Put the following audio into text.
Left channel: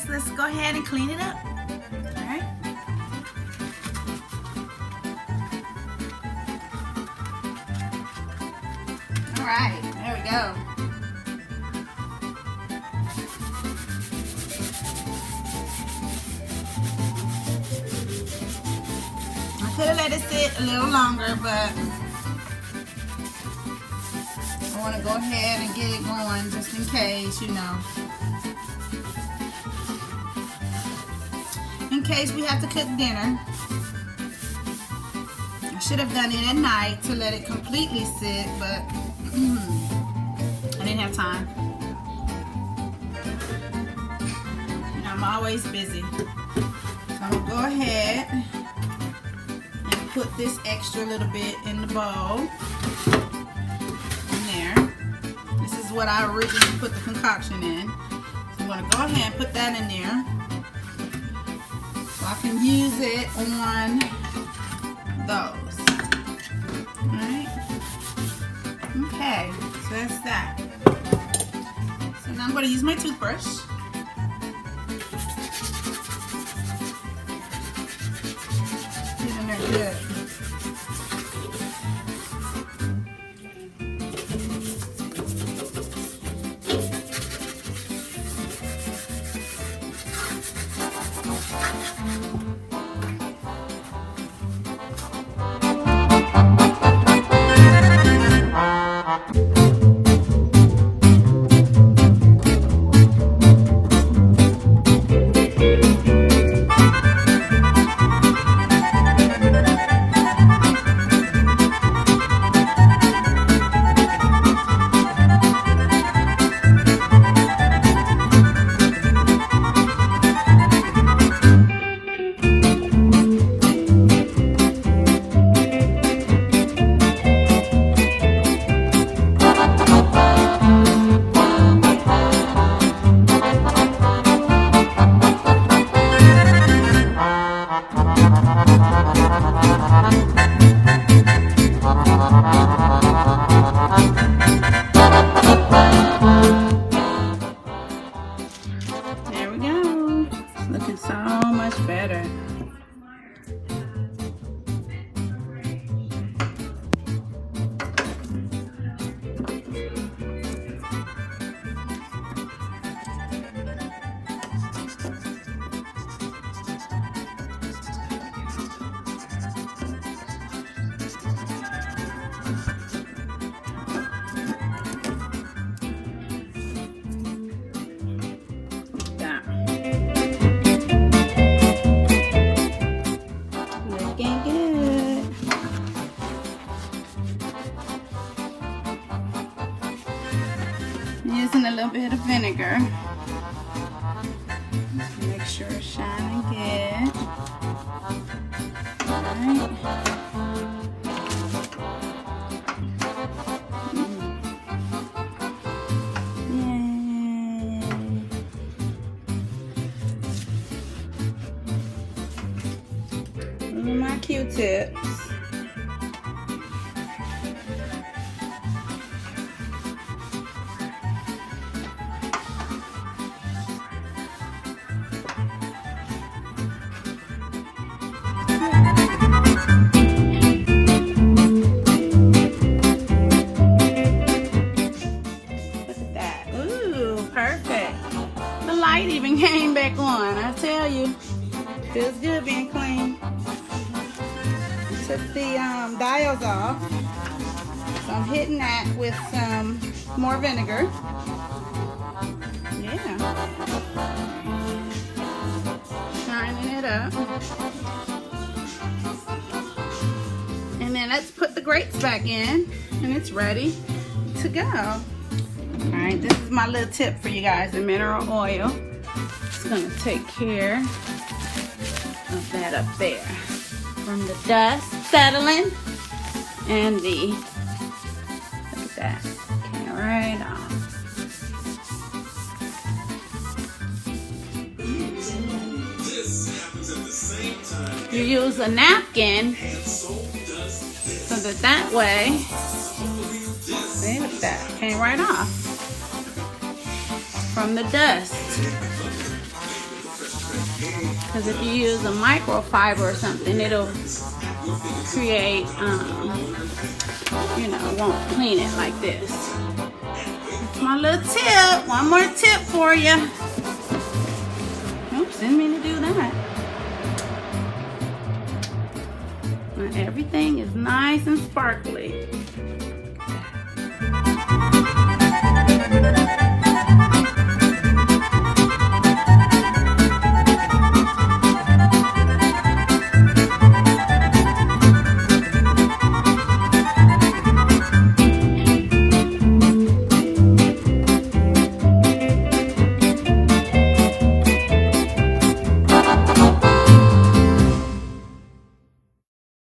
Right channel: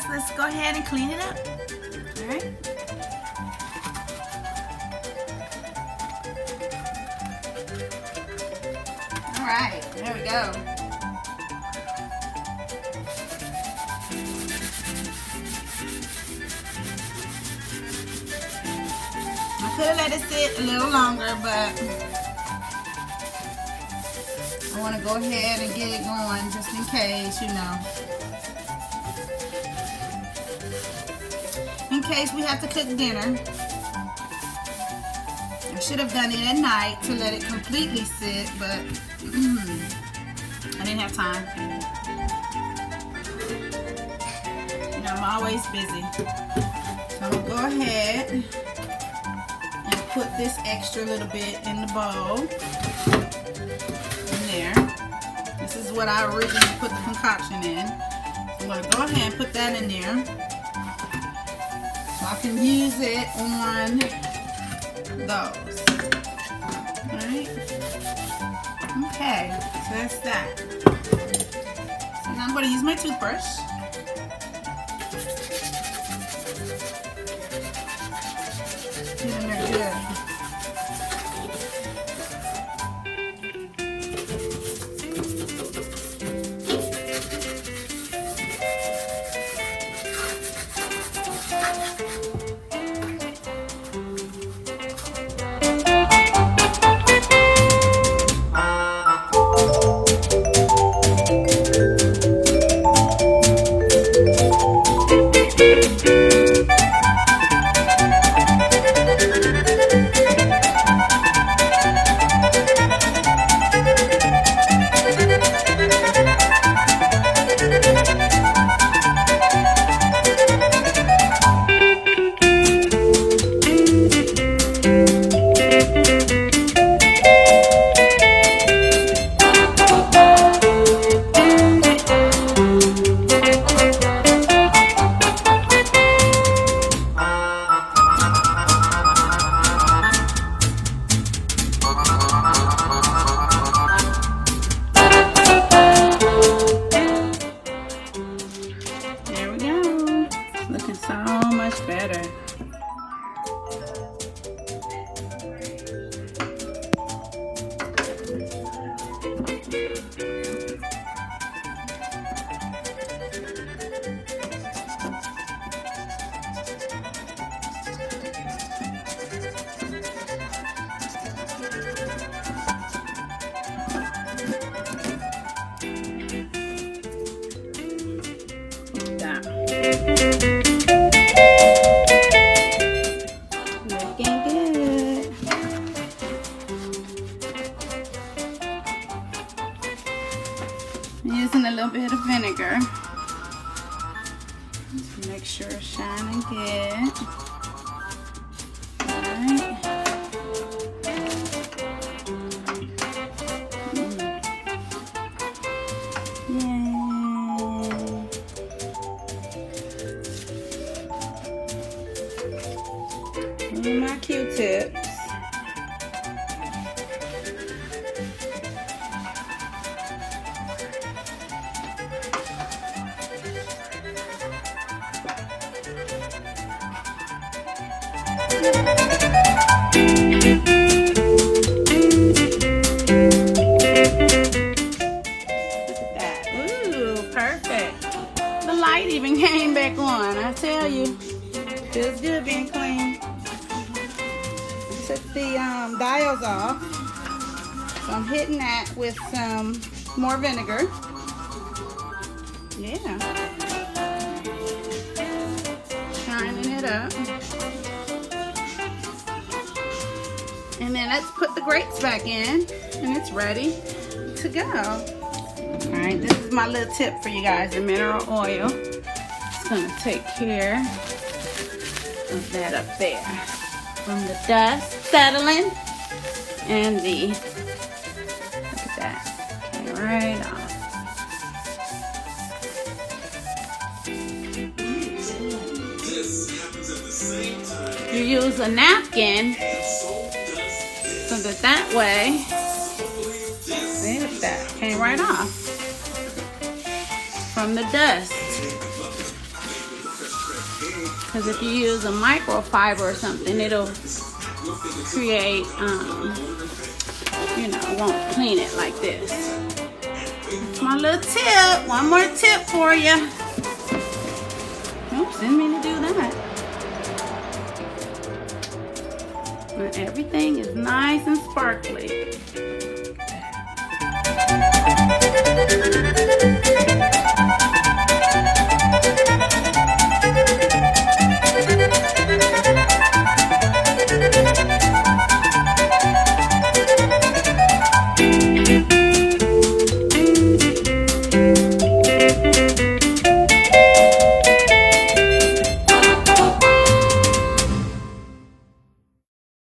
guys, let's go ahead and clean it up. All right. All right, there we go. I could have let it sit a little longer, but I want to go ahead and get it going just in case, you know. In case we have to cook dinner. I should have done it at night to let it completely sit, but I didn't have time. You know, I'm always busy. So I'm going to go ahead and put this extra little bit in the bowl. In there. This is what I originally put the concoction in. So I'm going to go ahead and put that in there. So I can use it on those. Alright. Okay, so that's that. So now I'm going to use my toothbrush. Get in there good. There we go. Looking so much better. Looking good. I'm using a little bit of vinegar. Just make sure it's shining good. Alright. These are my Q-tips. Look at that. Ooh, perfect. The light even came back on, I tell you. Feels good being clean. Took the dials off, so I'm hitting that with some more vinegar. Yeah, shining it up, and then let's put the grates back in, and it's ready to go. All right, this is my little tip for you guys: the mineral oil. It's gonna take care of that up there. From the dust settling and the, look at that, came right off. You use a napkin so that way, see, look at that, came right off from the dust. Because if you use a microfiber or something, it'll create, you know, won't clean it like this. That's my little tip. One more tip for you. Oops, didn't mean to do that. And everything is nice and sparkly.